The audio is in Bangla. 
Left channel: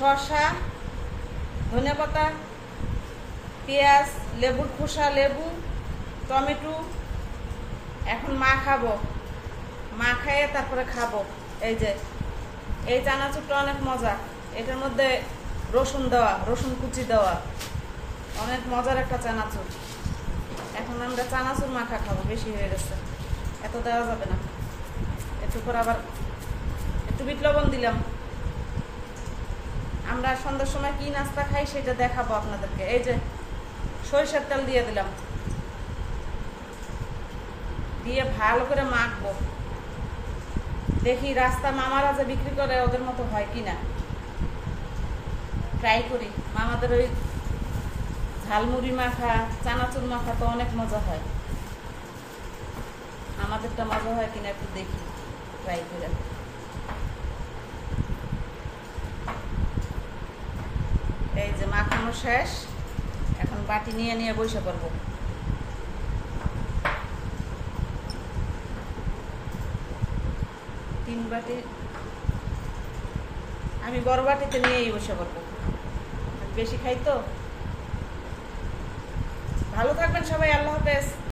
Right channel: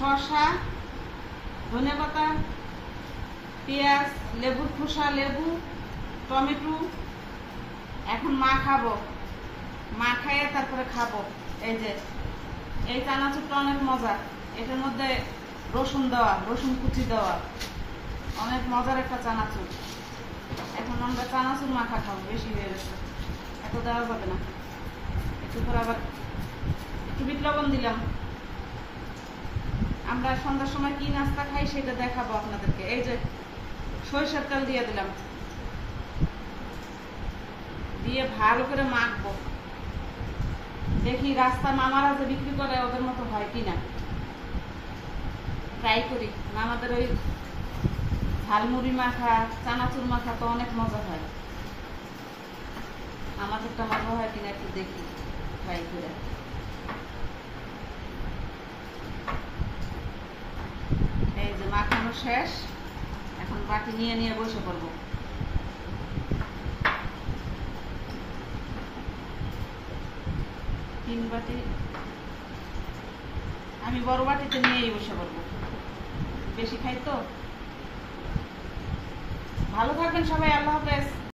শসা, ধনেপাতা, পেঁয়াজ, লেবুর খোসা, লেবু, টমেটো। এখন মাখাবো, মাখাইয়ে তারপরে খাবো। এই যে এই চানাচুরটা অনেক মজা, এটার মধ্যে রসুন দেওয়া, রসুন কুচি দেওয়া, অনেক মজার একটা চানাচুর। এখন আমরা চানাচুর মাখা খাবো, বেশি হয়ে গেছে, এত দেওয়া যাবে না। একটু করে আবার একটু বিট লবণ দিলাম। আমরা সন্ধ্যার সময় কি নাস্তা খাই সেটা দেখাবো আপনাদেরকে। এই যে সরিষার তেল দিয়ে দিলাম, দিয়ে ভালো করে মাখবো। দেখি রাস্তা মামারা যে বিক্রি করে ওদের মতো হয় কিনা, ট্রাই করি। মামাদের ওই ঝালমুড়ি মাখা, চানাচুর মাখা তো অনেক মজা হয়, আমাদেরটা মজা হয় কিনা একটু দেখি, ট্রাই করে। এই যে মাখানো শেষ, এখন বাটি নিয়ে নিয়ে বসে পড়বো। তিন বাটি, আমি বড় বাটিতে নিয়েই বসে পড়বো, বেশি খাই তো। ভালো থাকবেন সবাই, আল্লাহ হাফেজ।